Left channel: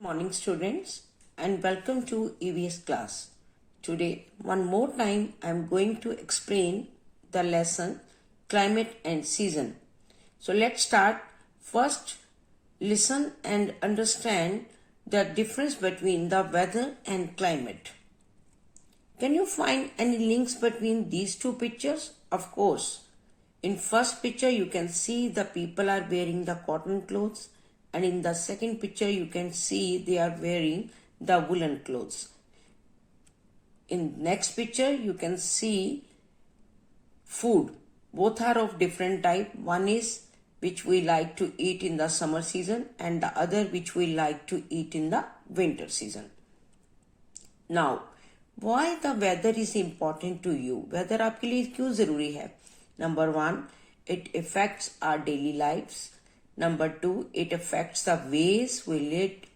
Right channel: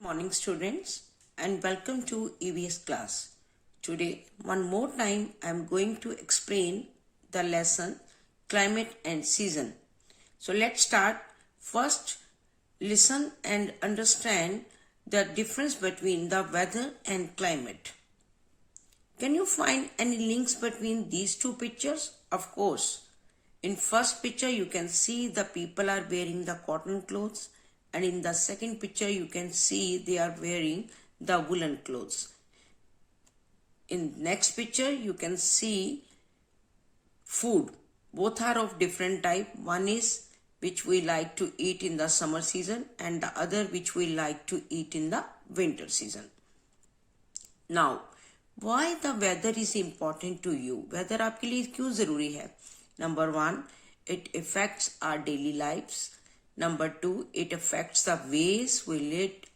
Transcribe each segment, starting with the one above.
Morning students and welcome to EVS class. Today one more time I am going to explain the lesson climate and season. So let's start. First listen and understand the difference between the weather and climate. Can you find any links between these two pictures? Of course. In first picture you can see the people are wearing the cotton clothes. And in the second picture, you can see they are wearing the woolen clothes. In next picture, you can see food. Both are of different type. One is which we like to eat in the summer season and the other which we like to eat in the winter season. Now, why the weather is important to you? Weather आपके लिए क्यों जरूरी है? Number one, it affects our daily lives. Number two, it affects the ways we lead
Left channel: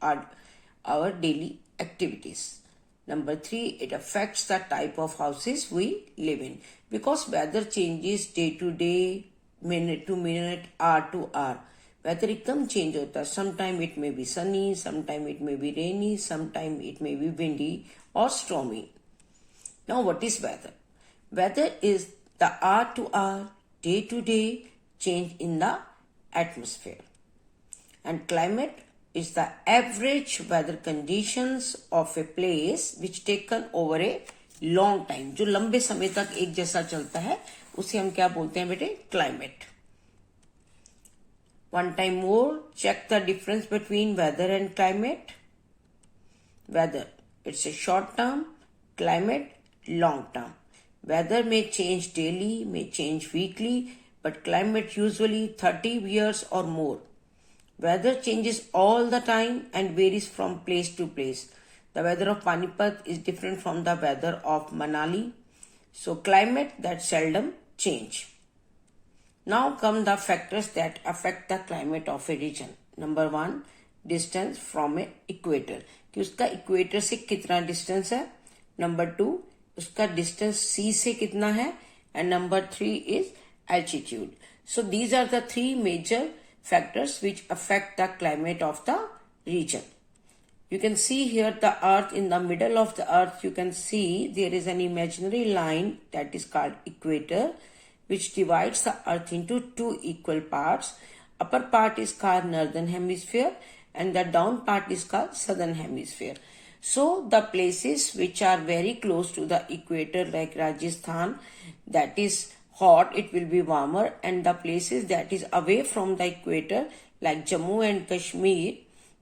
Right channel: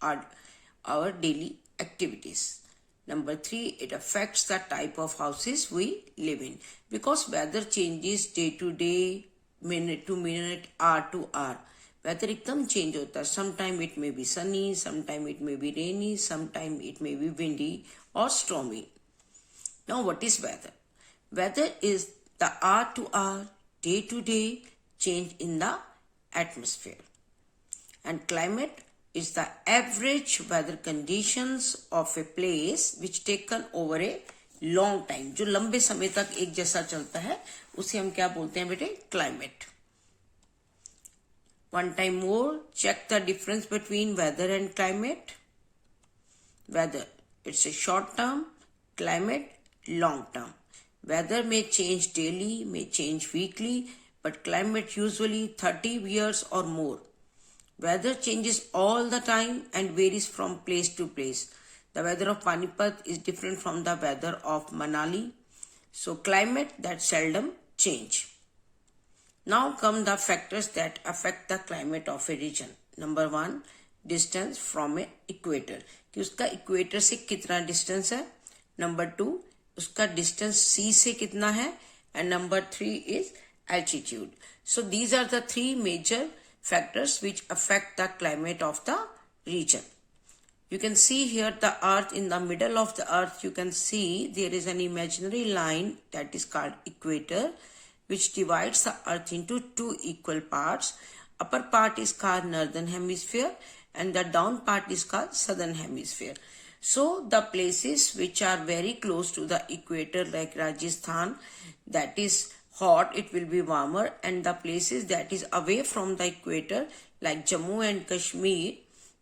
our daily activities. Number three, it affects the type of houses we live in. Because weather changes day to day, minute to minute, hour to hour. Weather एकदम change होता है. Sometime it may be sunny, sometime it may be rainy, sometime it may be windy or stormy. Now what is weather? Weather is the hour to hour, day to day change in the atmosphere. And climate is the average weather conditions of a place which taken over a long time. जो लंबे समय तक एक जैसा चलता है उसे हम क्या बोलते हैं बेटे? Climate. One time more, check the difference between weather and climate. Weather, it's a short term. Climate, long term. Weather may change daily, may change weekly, but climate usually 30 years or more. Weather changes all the time and varies from place to place. The weather of Panipat is different from the weather of Manali. So climate that seldom change. Now come the factors that affect the climate of a region. Number one, distance from a equator. कि उसका equator से कितना distance है. Number two, उसका distance sea से कितना है. And number three is altitude. So these are the three major factors which affect the climate of the region. You can see here the earth. In the middle of the earth you can see there is an imaginary line that is called equator, which divides the earth into two equal parts. Upper part is called northern hemisphere and the down part is called southern hemisphere. So the places which are very close to the equator like Rajasthan, that is hot, it will be warmer, and the places that is away from the equator like Jammu and Kashmir,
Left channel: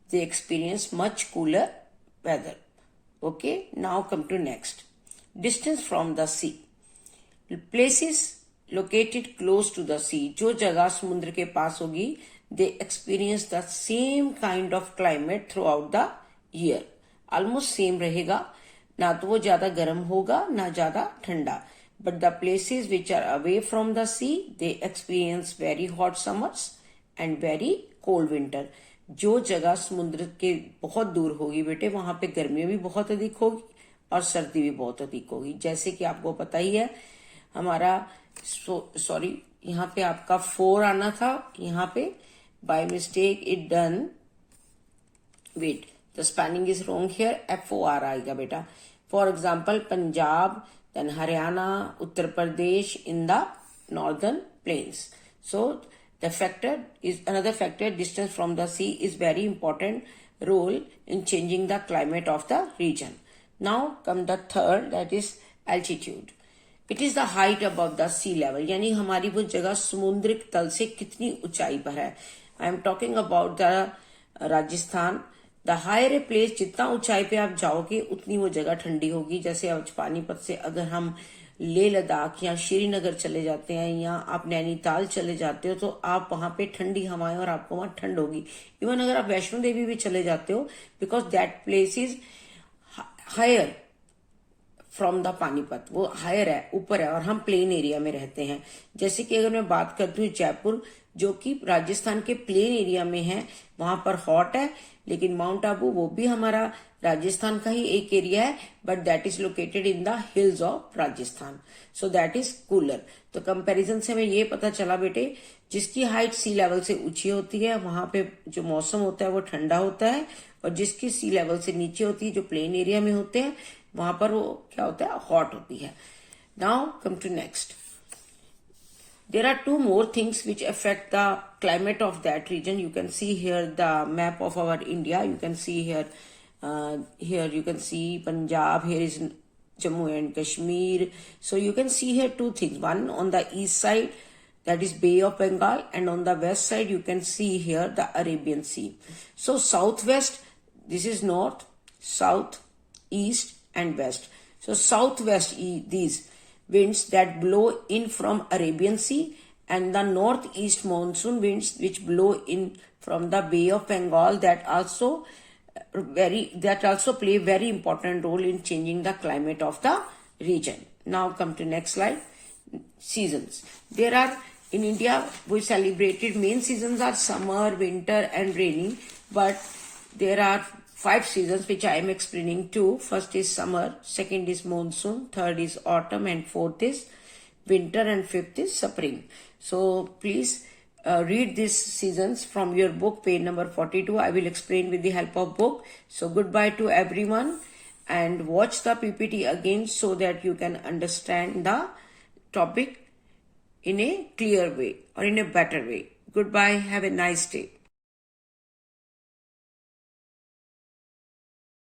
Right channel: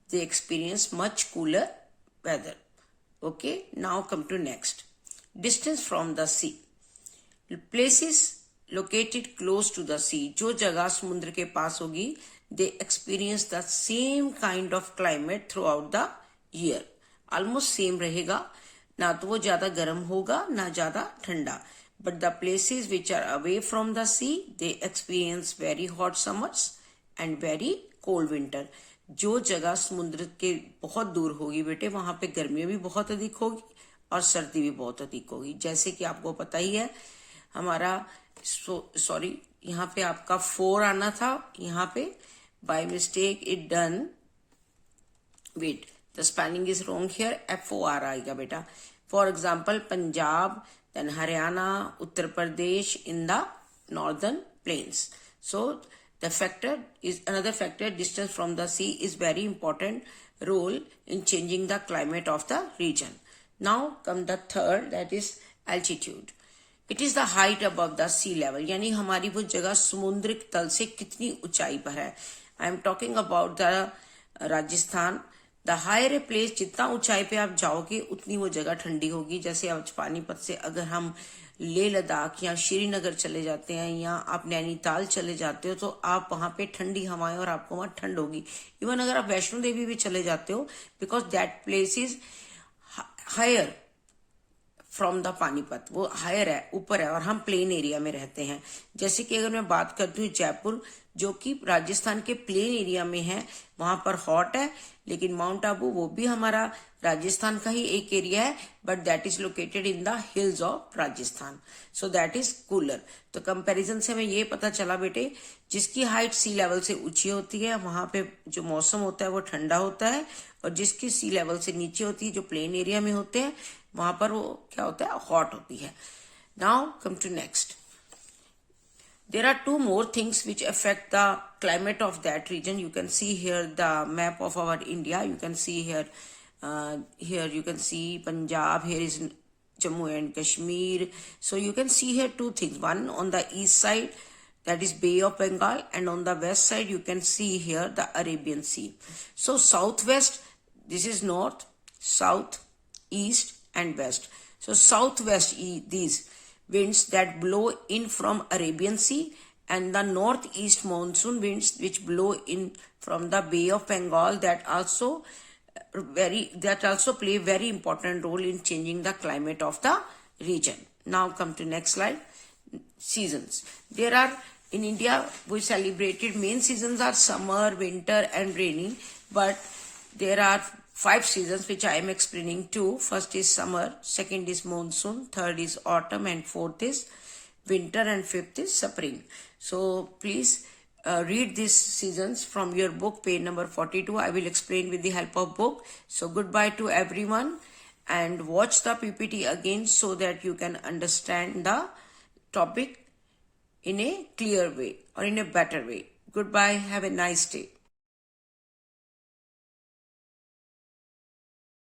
they experience much cooler weather. Okay, now come to next. Distance from the sea. Places located close to the sea, जो जगह समुद्र के पास होगी, they experience the same kind of climate throughout the year. Almost same रहेगा, ना तो वो ज्यादा गर्म होगा ना ज्यादा ठंडा. But the places which are away from the sea, they experience very hot summers and very cold winter. जो जगह समुद्र के बहुत दूर होगी बेटे, वहां पे गर्मी भी बहुत अधिक होगी और सर्दी भी बहुत अधिक होगी. जैसे कि आपको पता ही है, हमारा सॉरी यहाँ पे आपका 4 आना था, यहाँ पे by mistake it done. Wait, the spelling is wrong here. FOR आएगा बेटा. For example, Punjab, then Haryana, Uttar Pradesh in the northern plains. So the factor is another factor. Distance from the sea is very important role in changing the climate of the region. Now come the third, that is altitude. It is the height above the sea level. यानी हमारी वो जगह समुद्र तल से कितनी ऊंचाई पर है. I am talking about the Rajasthan. The higher a place, जितना ऊंचाई पे आप जाओगे उतनी वो जगह ठंडी होगी. जैसे आज पानीपत से अगर हम लेह लद्दाख या श्रीनगर चले जाते हैं या आप नैनीताल चले जाते हो तो आप वहां पे ठंडी हवाएं और आपको वहां ठंड होगी. इवन अगर आप वैष्णो देवी भी चले जाते हो, because that place is higher from the Panipat, वो हायर है, ऊपर है, और हम प्लेन एरिया में रहते हैं. जैसे कि अगर मैं बात करती हूँ जयपुर, जो कि राजस्थान के प्लेन एरिया में है, वहां पर हॉट है, लेकिन माउंट आबू वो भी हमारा राजस्थान का ही एक एरिया है, but that is located in the hills of Rajasthan, so that is cooler. तो कंपैरिजन से हमें ये पता चला बेटे, जिसकी हाइट सी लेवल से ऊंची होती है वहां पे जो मौसम होता है वो ठंडा होता है, और जिसकी सी लेवल से नीचे होती है, जो प्लेन एरिया में होते हैं, वहां पर वो क्या होता है, हॉट होती है. Now come to next. There are two more things which affect the climate of that region. You can see here the map of our India. You can see here, here you can see Punjab. Here is Jammu and Kashmir. So you can see here two things. One on the east side, that is Bay of Bengal, and on the west side you can see here the Arabian Sea. So southwest, this is north, south, east and west. So southwest, these winds that blow in from Arabian Sea, and the northeast monsoon winds which blow in from the Bay of Bengal, that also play very important role in changing the climate of the region. Now come to next slide. Seasons. There are in India, we celebrated main seasons are summer, winter and rainy, but there are 5 seasons which I am explaining too. First is summer, second is monsoon, third is autumn, and fourth is winter, and fifth is spring. So please read these seasons from your book, page number 42. I will explain with the help of book. So goodbye to everyone, and watch the PPT again so that you can understand the topic in a clear way or in a better way. Goodbye. Have a nice day.